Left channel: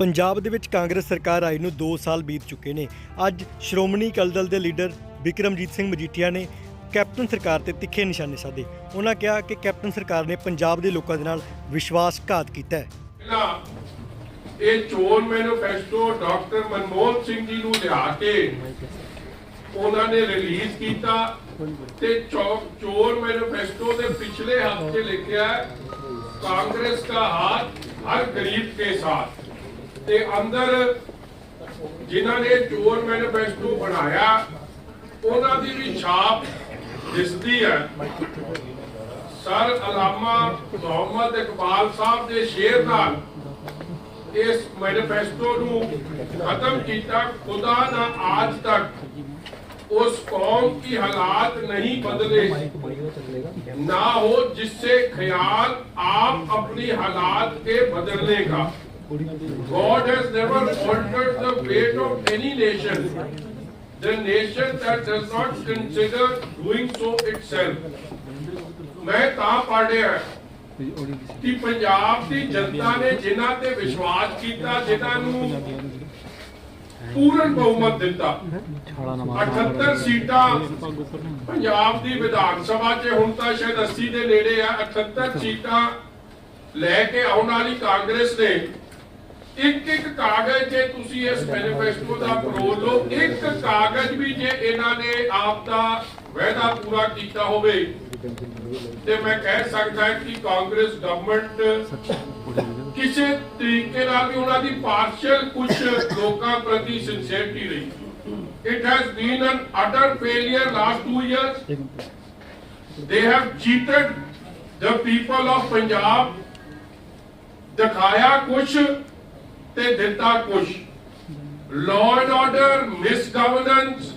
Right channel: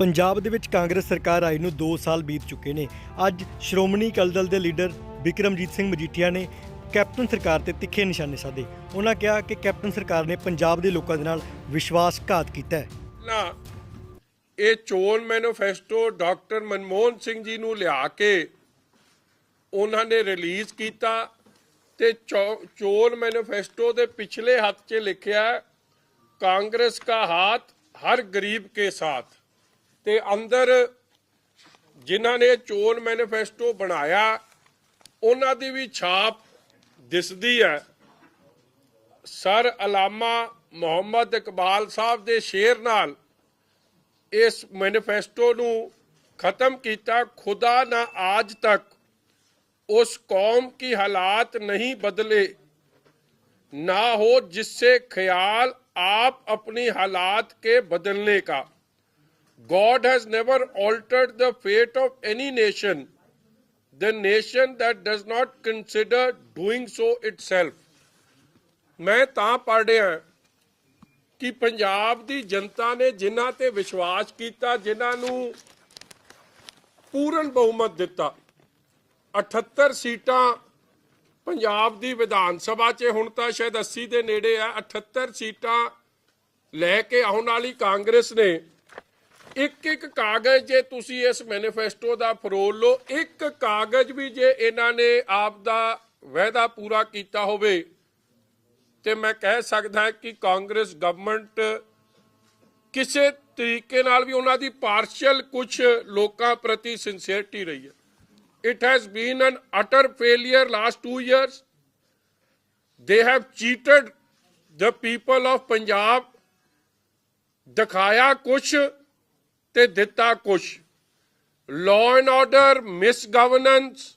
ਪੰਜਾਬ ਦੇ ਵਿੱਚ ਕਾਂਗਰਸ ਸਰਕਾਰ ਆਈ ਨੂੰ 2 ਸਾਲ ਬੀਤ ਚੁੱਕੇ ਨੇ। ਅੱਜ ਸ਼੍ਰੋਮਣੀ ਅਕਾਲੀ ਦਲ ਦੇ ਲੀਡਰ ਵਿਕਰਮਜੀਤ ਸਿੰਘ ਮਜੀਠੀਆ ਨੇ ਕੈਪਟਨ ਸਰਕਾਰ ਤੇ ਤਿੱਖੇ ਨਿਸ਼ਾਨੇ ਸਾਧੇ। ਉਹਨਾਂ ਕਿਹਾ ਕਿ ਕੈਪਟਨ ਸਰਕਾਰ ਨੇ ਪੰਜਾਬ ਦੇ ਲੋਕਾਂ ਦੇ ਨਾਲ ਵਿਸ਼ਵਾਸਘਾਤ ਕੀਤਾ ਹੈ। ਇਹ ਚੋਣ ਮੈਨੀਫੈਸਟੋ ਡਾਕਟਰ ਮਨਮੋਹਨ ਸਿੰਘ ਜੀ ਨੂੰ ਲਿਆ ਕੇ ਉਹਨਾਂ ਨੇ ਰਿਲੀਜ਼ ਕੀਤਾ ਤੇ ਚੋਰ ਮੈਨੀਫੈਸਟੋ ਦੇ ਪਿਛਲੇ ਹੱਥ 'ਚ ਲਿਖਿਆ ਕਾਂਗਰਸ ਦਾ ਹਾथ ਹਰ ਗਰੀਬ ਕੇ ਸਾਥ। ਤੇ ਅੰਦਰ ਜਿਨ੍ਹਾਂ ਨੇ ਚੋਰ ਮੈਨੀਫੈਸਟੋ ਬਣਾਇਆ ਉਹਨਾਂ ਦੀ ਵੀ ਛਾਪ ਦਿਸਦੀ ਹੈ ਸਰ ਅਲਾਮਾ ਮੁਹੰਮਦ ਇਕਬਾਲ ਸਾਹਿਬ ਦੇ ਸ਼ੇਰ ਨਾਲ ਇਸ ਮੈਨੀਫੈਸਟੋ ਨੂੰ ਖਤਮ ਕੀਤਾ ਖੁਦਾ ਨਾ ਆਜ ਤੱਕ उस कौम की हालात नहीं बदले ना हो जिससे ख्याल आप अपनी हालात के बदलने का God has never altered the fate of any nation. The nation that does not consider doing so itself. ਮੈਂ ਤਾਂ ਪੜ੍ਹਿਆ ਕਿ ਪੰਜਾਬ ਦੀ ਜਨਤਾ ਨੇ ਜਿਨ੍ਹਾਂ ਤੇ ਵਿਸ਼ਵਾਸ ਕੀਤਾ ਜਿਨ੍ਹਾਂ ਨੂੰ ਪੂਰਨ ਬਹੁਮਤ ਦਿੱਤਾ 78 ਸੀਟਾਂ ਪੰਜਾਬ ਦੀ ਵਿਧਾਨ ਸਭਾ 'ਚ ਹੁਣ ਤਾਂ ਸ਼ਾਇਦ 80 ਦੇ ਨੇੜੇ ਆ 78 ਸੀਟਾਂ ਲੈ ਕੇ ਆਉਣ ਵਾਲੀ ਕਾਂਗਰਸ ਨੇ ਇੱਕ ਇੱਕ ਕਾਗਜ਼ ਜੇ ਤੁਸੀਂ ਇਸ ਮੈਨੀਫੈਸਟੋ ਦਾ ਪਰੋਲ ਲਓ, ਇੱਕ ਕਾਗਜ਼ ਵੀ ਜੇ ਇਹਨਾਂ ਨੇ ਆਪ ਦਾ ਵਾਅਦਾ ਪੂਰਾ ਕੀਤਾ ਹੋਵੇ, ਤੇ ਮੈਂ ਕਹਿ ਸਕਦਾ ਕਿ ਕਾਂਗਰਸ ਗਵਰਨਮੈਂਟ ਕਿਸੇ ਤਰੀਕੇ ਨਾਲ ਵੀ ਉਹਨਾਂ ਦੀ ਪਾਰਸ਼ਲ ਕੁਝ ਲੋਕਾਂ ਪ੍ਰਤੀ ਸਿੰਸੀਅਰਿਟੀ ਰਹੀ। It has been an utter failure last 2 years. They have cheated the people of punjab ਦਿਖਾਇਆ ਕੁਛ ਤੇ ਦਿੱਤਾ ਕੁਛ। ਲਾਅ ਐਂਡ ਆਰਡਰ ਮਿਸਗਵਰਨੈਂਸ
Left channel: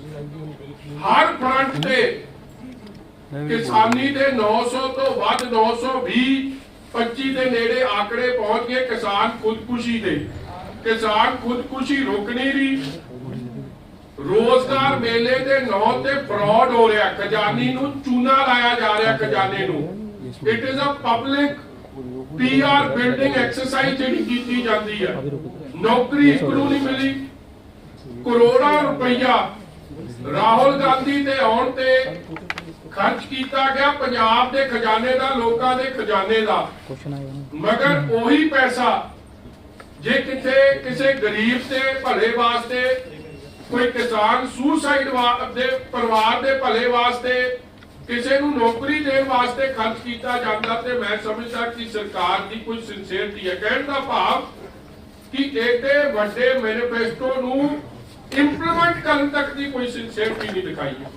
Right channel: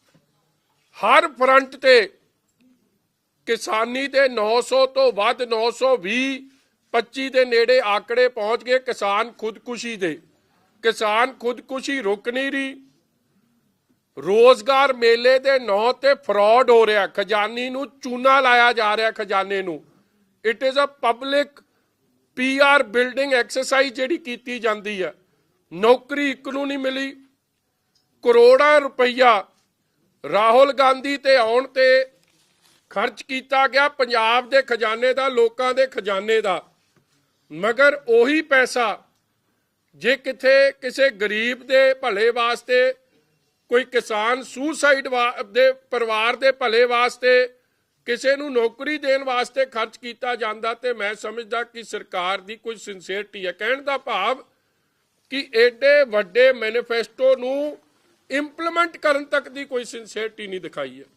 ਹਰ ਫਰੰਟ ਤੇ ਕਿਸਾਨੀ ਦੇ 900 ਤੋਂ ਵੱਧ 920 25 ਦੇ ਨੇੜੇ ਆંકੜੇ ਪਹੁੰਚ ਗਏ ਕਿਸਾਨ ਖੁਦਕੁਸ਼ੀ ਦੇ। ਕਿਸਾਨ ਖੁਦਕੁਸ਼ੀ ਰੁਕ ਨਹੀਂ ਰਹੀ। ਰੋਜ਼ਗਾਰ ਮੇਲੇ ਦੇ ਨਾਂ ਤੇ ਫਰਾਡ ਹੋ ਰਿਹਾ। ਖਜ਼ਾਨੀ ਨੂੰ ਚੂਨਾ ਲਾਇਆ ਜਾ ਰਿਹਾ ਖਜ਼ਾਨੇ ਨੂੰ। It is a public PR building exercise ਜਿਹੜੀ ਕੀਤੀ ਜਾਂਦੀ ਹੈ। ਨੌਕਰੀ ਇੱਕ ਨੂੰ ਨਹੀਂ ਮਿਲੀ। ਕਰੋੜਾਂ ਰੁਪਈਆ ਰਾਹੁਲ ਗਾਂਧੀ ਤੇ ਆਉਣ ਤੇ ਖਰਚ ਕੀਤਾ ਗਿਆ ਪੰਜਾਬ ਦੇ ਖਜ਼ਾਨੇ ਦਾ, ਲੋਕਾਂ ਦੇ ਖਜ਼ਾਨੇ ਦਾ। ਮਗਰ ਉਹੀ ਪੈਸਾ ਜੇ ਕਿਥੇ ਕਿਸੇ ਗਰੀਬ ਦੇ ਭਲੇ ਵਾਸਤੇ, ਕੋਈ ਕਿਸਾਨ ਸੁਸਾਈਡ ਦੇ ਪਰਿਵਾਰ ਦੇ ਭਲੇ ਵਾਸਤੇ ਕਿਸੇ ਨੂੰ ਨੌਕਰੀ ਦੇਣ ਵਾਸਤੇ ਖਰਚ ਕੀਤਾ ਜਾਂਦਾ ਤੇ ਮੈਂ ਸਮਝਦਾ ਕਿ ਸਰਕਾਰ ਦੀ ਕੋਈ ਸਿੰਸੀਅਰਿਟੀ ਹੈ। ਕਹਿਣ ਦਾ ਭਾਵ ਕਿ ਏਡੇ ਵੱਡੇ ਮੈਨੀਫੈਸਟੋ ਨੂੰ ਇੰਪਲੀਮੈਂਟ ਕਰਨ ਤੱਕ ਦੀ ਕੋਈ ਸਿੰਸੀਅਰਿਟੀ ਨਹੀਂ ਦਿਖਾਈ ਹੈ।